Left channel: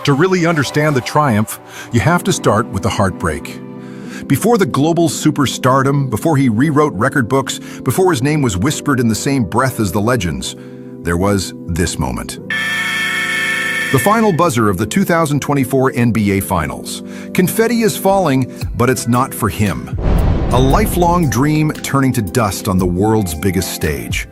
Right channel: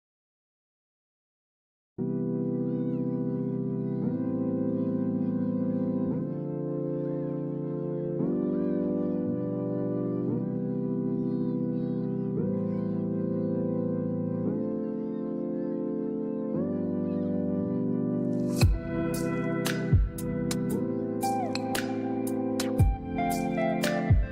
To really understand the triumph, you have to start with the heartbreak. Before the global superstardom, before he rewrote record books, before his name was whispered in the same breath as the legends, there was this moment. The final buzzer of the 2024 NBA Finals. Confetti is falling, but it's not for him. A lifelong dream turning to dust on the world's biggest stage.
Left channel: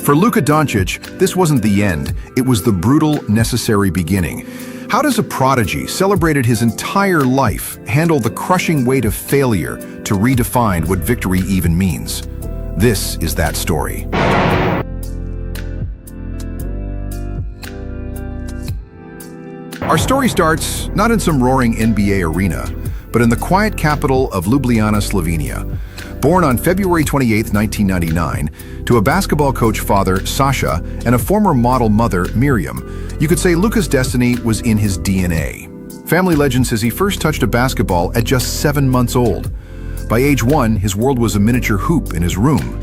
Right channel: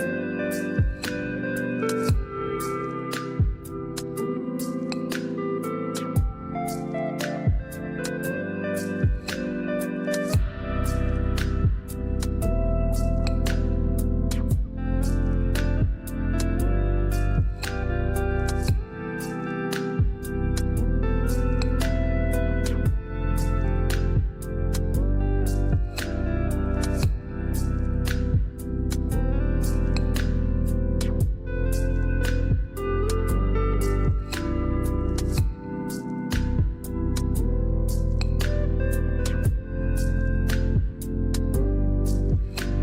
For Luka Dončić, this wasn't the end, it was the brutal, necessary beginning. How does a prodigy, celebrated his entire life, handle the crushing weight of failure to redefine what victory even means? This is that story. Our story starts not in some roaring NBA arena, but in the quiet capital of Ljubljana, Slovenia. Born on February 28, 1999, to a basketball coach father, Sasha, and a former model mother, Miriam, you could say Luka's destiny was in his DNA. Family legend says he first touched a basketball at just 7 months old. By age 1, his world was a miniature hoop in his room.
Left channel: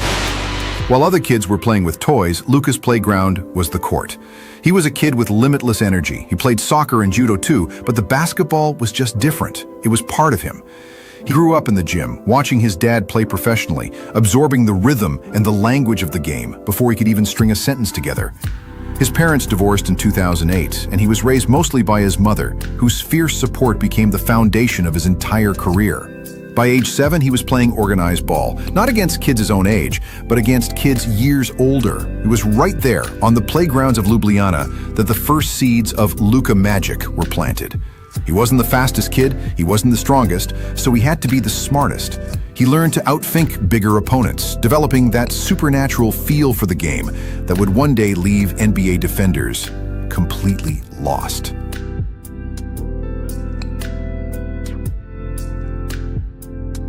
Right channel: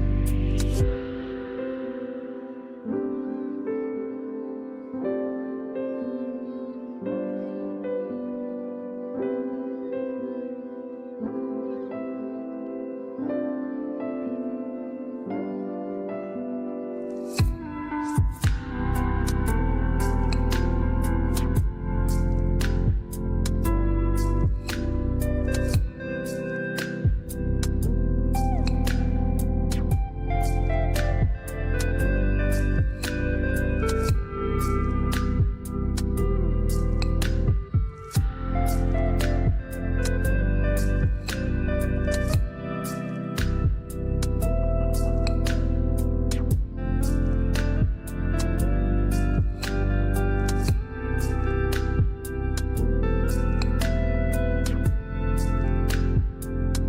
While other kids were playing with toys, Luka's playground was the court. He was a kid with limitless energy. He played soccer and judo too, but the basketball was just different. It was part of him. He grew up in the gym, watching his dad play professionally, absorbing the rhythm and the language of the game before he could even string a sentence together. His parents divorced in 2008, and he was raised mostly by his mother, whose fierce support became the foundation of his entire career. By age 7, he was playing organized ball, not against kids his own age, but against kids years older. It was right there, on the playgrounds of Ljubljana, that the first seeds of Luka magic were planted. He wasn't the fastest kid, he wasn't the strongest, so he had to be the smartest. He learned to outthink bigger opponents, developing that supernatural feel for the game that would one day leave NBA defenders completely lost.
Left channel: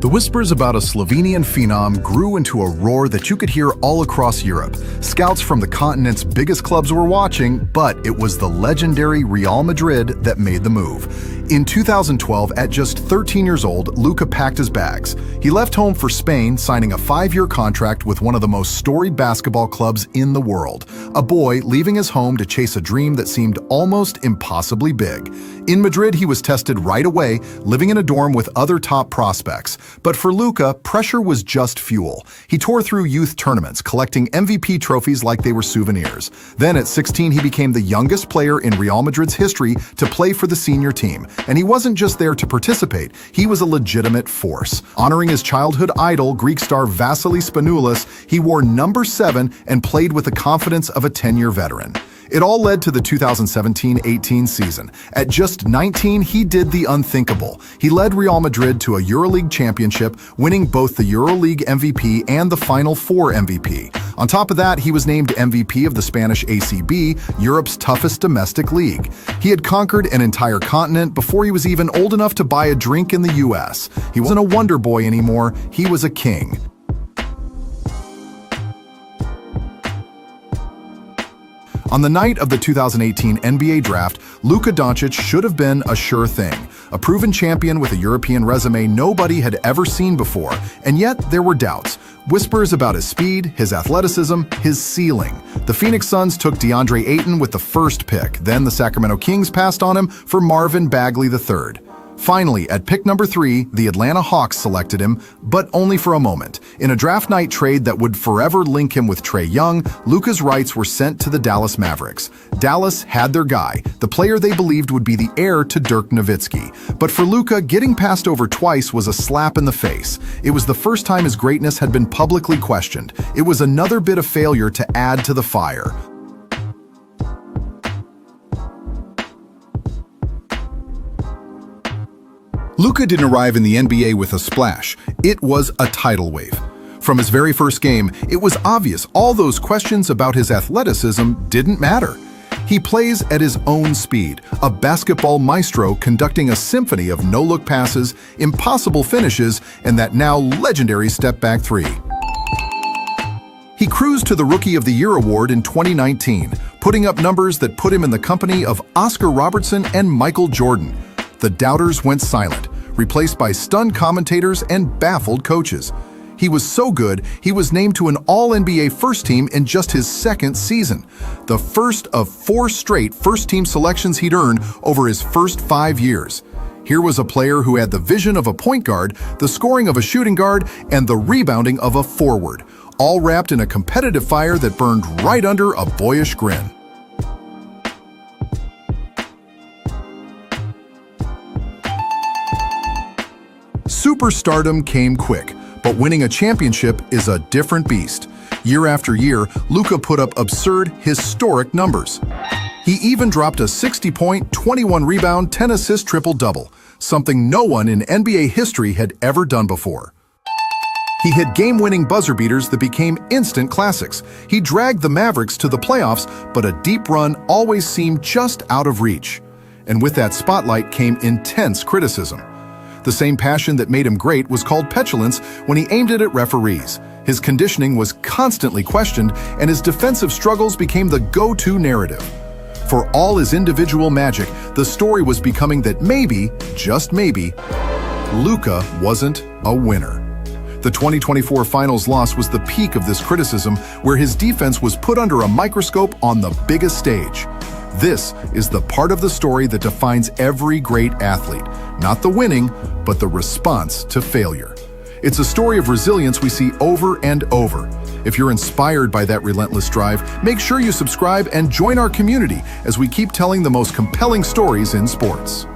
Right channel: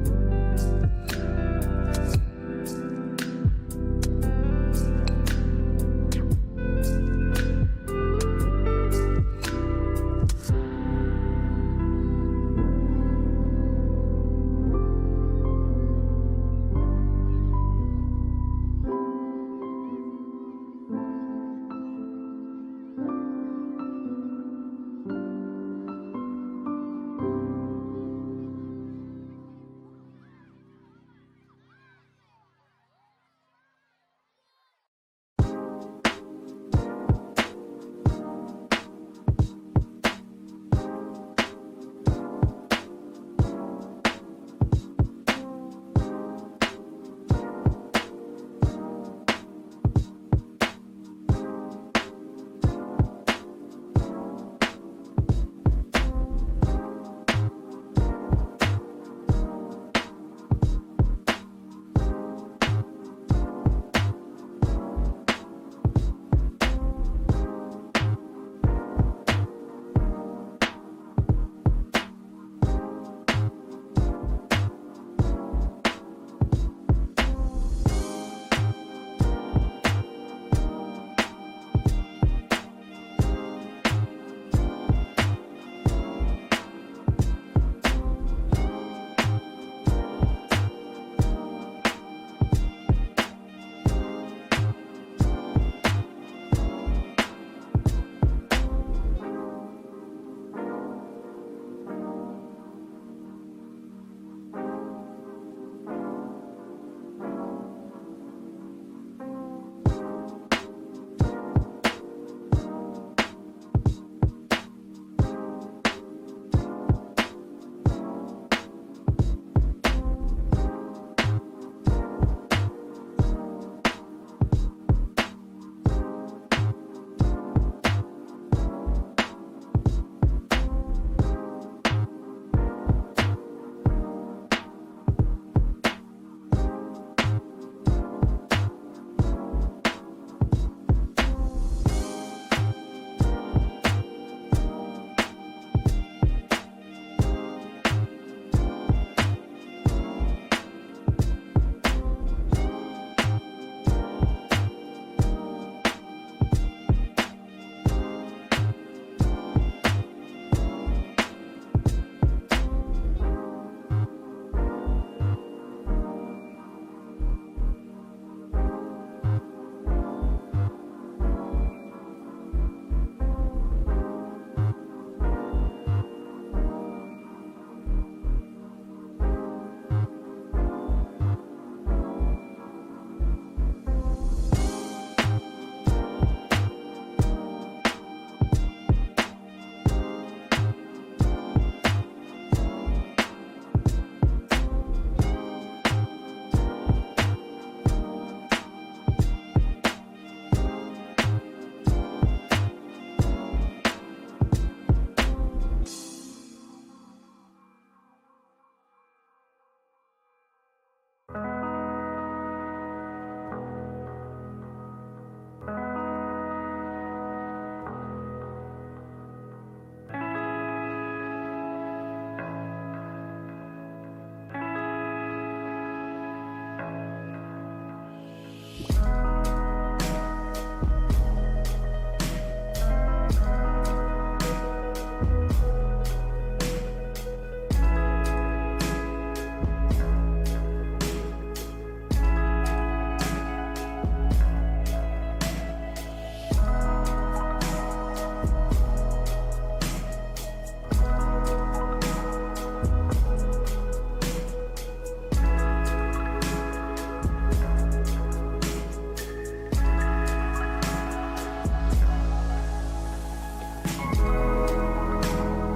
The whispers about a Slovenian phenom grew into a roar that you could hear all across Europe. Scouts from the continent's biggest clubs were watching, but it was the legendary Real Madrid that made the move. In 2012, at just 13 years old, Luka packed his bags. He left home for Spain, signing a 5-year contract with one of the most storied basketball clubs in the world. A boy leaving his home to chase a dream that seemed almost impossibly big. In Madrid, he was tested right away, living in a dorm with other top prospects. But for Luka, pressure was just fuel. He tore through youth tournaments, collecting MVP trophies like they were souvenirs. Then at 16, he became the youngest player in Real Madrid's history to play for the senior team. And he wasn't just there to participate, he was a legitimate force. Honoring his childhood idol, Greek star Vasilis Spanoulis, he wore number 7 and played with the confidence of a 10-year veteran. It all led to the 2017-18 season. At just 19, he did the unthinkable. He led Real Madrid to a EuroLeague championship, winning both the EuroLeague MVP and the Final Four MVP. On top of that, he was named MVP of the Spanish ACB, Europe's toughest domestic league. He had conquered an entire continent before he was even old enough to buy a drink in the US. He wasn't a wonder boy anymore, he was a king. On the night of the 2018 NBA draft, Luka Dončić should have been a sure thing. A proven champion with a European resume nobody had ever seen before, and yet there were doubts. Whispers about his speed, his athleticism, his ceiling. The Phoenix Suns took DeAndre Ayton with the first pick, then the Sacramento Kings passed on him for Marvin Bagley III. Finally, at pick number 3, the Atlanta Hawks selected him, but only for a moment. In a draft night trade that would forever link him with Trae Young, Luka's rights were sent to the Dallas Mavericks. Dallas had their guy, the player they believed would be the heir to Dirk Nowitzki. But for Luka, getting passed over twice was a slap in the face. It was the first time his greatness had been publicly questioned. It was another bit of failure to add to the fire. Luka didn't arrive in the NBA with a splash. It was a tidal wave. From his very first game, it was obvious all those questions about his athleticism didn't matter. He plays at his own speed, a basketball maestro conducting a symphony of no-look passes, impossible finishes, and that now legendary step-back 3. He cruised to the Rookie of the Year award in 2019, putting up numbers that put him in the company of Oscar Robertson and Michael Jordan. The doubters went silent, replaced by stunned commentators and baffled coaches. He was so good, he was named to an All-NBA first team in just his second season, the first of 4 straight first-team selections he'd earned over his first 5 years. Here was a player who had the vision of a point guard, the scoring of a shooting guard, and the rebounding of a forward, all wrapped in a competitive fire that burned right under a boyish grin. Superstardom came quick, but winning a championship is a different beast. Year after year, Luka put up absurd, historic numbers. He even dropped a 60-point, 21-rebound, 10-assist triple-double, something no one in NBA history had ever done before. He hit game-winning buzzer beaters that became instant classics. He dragged the Mavericks to the playoffs, but a deep run always seemed just out of reach. And with that spotlight came intense criticism. The same passion that made him great was called petulance when he aimed it at referees. His conditioning was constantly questioned, and his defensive struggles became the go-to narrative. For all his individual magic, the story was becoming that maybe, just maybe, Luka wasn't a winner. The 2024 finals loss was the peak of this criticism, where his defense was put under a microscope on the biggest stage. This is the part of the story that defines every great athlete, not the winning, but the response to failure. It's a story of resilience we see over and over. If you're inspired by that relentless drive, make sure you subscribe and join our community as we keep telling the most compelling stories in sports.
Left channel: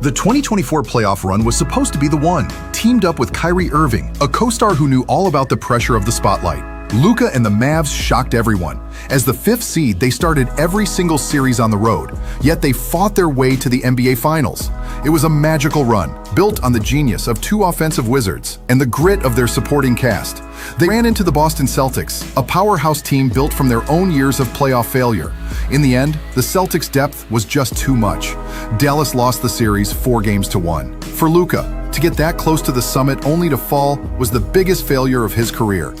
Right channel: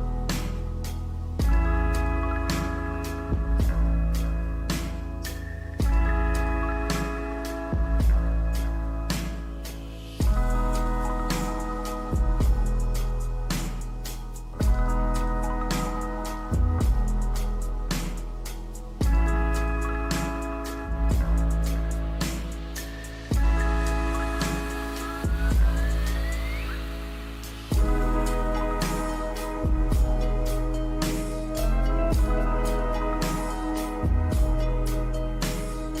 The 2024 playoff run was supposed to be the one, teamed up with Kyrie Irving, a co-star who knew all about the pressure of the spotlight. Luka and the Mavs shocked everyone. As the 5th seed, they started every single series on the road, yet they fought their way to the NBA Finals. It was a magical run, built on the genius of 2 offensive wizards and the grit of their supporting cast. They ran into the Boston Celtics, a powerhouse team built from their own years of playoff failure. In the end, the Celtics' depth was just too much. Dallas lost the series 4-1. For Luka, to get that close to the summit only to fall was the biggest failure of his career.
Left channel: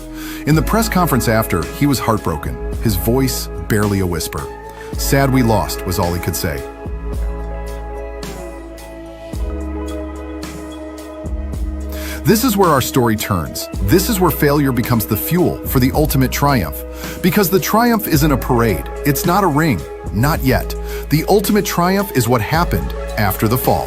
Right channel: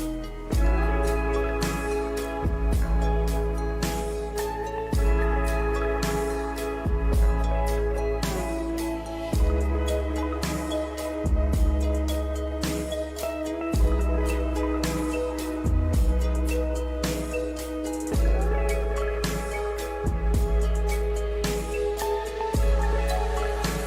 In the press conference after, he was heartbroken, his voice barely a whisper. "Sad we lost," was all he could say. This is where our story turns. This is where failure becomes the fuel for the ultimate triumph. Because the triumph isn't a parade. It's not a ring. Not yet. The ultimate triumph is what happened after the fall.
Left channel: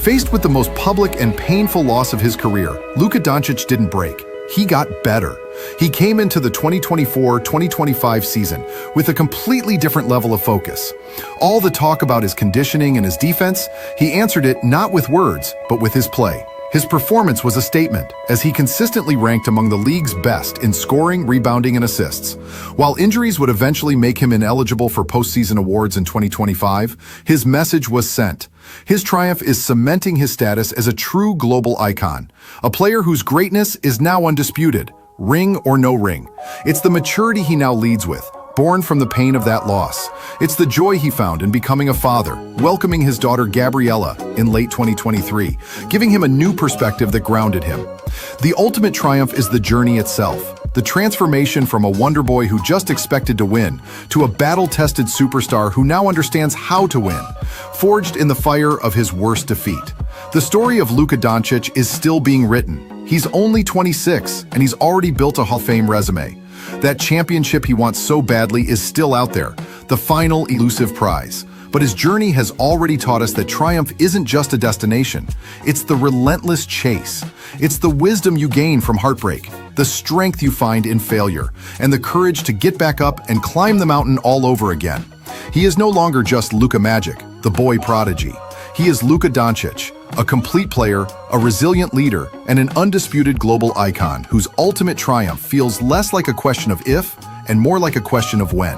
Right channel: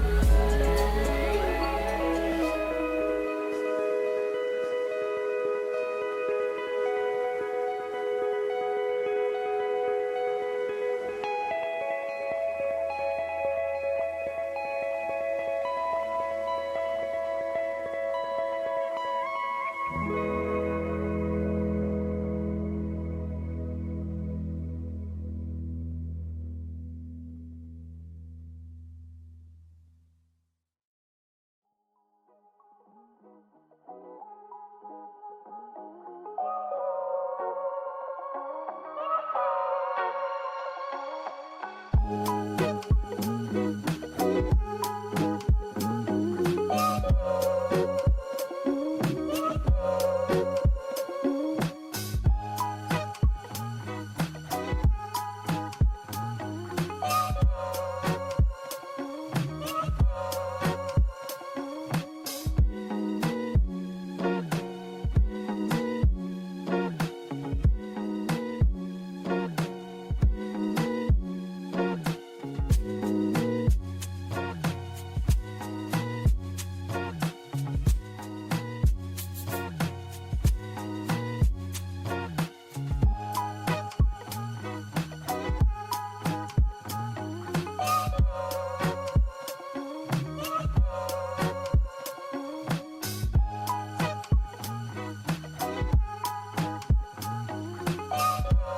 Faced with the most public and painful loss of his career, Luka Dončić didn't break. He got better. He came into the 2024-2025 season with a completely different level of focus. All the talk about his conditioning and his defense, he answered it not with words, but with his play. His performance was a statement, as he consistently ranked among the league's best in scoring, rebounding, and assists. While injuries would eventually make him ineligible for postseason awards in 2025, his message was sent. His triumph is cementing his status as a true global icon, a player whose greatness is now undisputed, ring or no ring. It's the maturity he now leads with, born from the pain of that loss. It's the joy he found in becoming a father, welcoming his daughter Gabriella in late 2023, giving him a new perspective that grounded him. The ultimate triumph is the journey itself, the transformation from a wonder boy who just expected to win to a battle-tested superstar who now understands how to win, forged in the fire of his worst defeat. The story of Luka Dončić is still being written. He's only 26, and he's already built a Hall of Fame resume. That championship he wants so badly is still out there, the final elusive prize. But his journey has already taught us that triumph isn't just a destination. It's the relentless chase. It's the wisdom you gain from heartbreak, the strength you find in failure, and the courage to get back up and climb the mountain all over again. He is no longer just Luka Magic, the boy prodigy. He is Luka Dončić, a complete player, a resilient leader, and an undisputed global icon whose ultimate triumph feels less like a question of if and more like a question of when.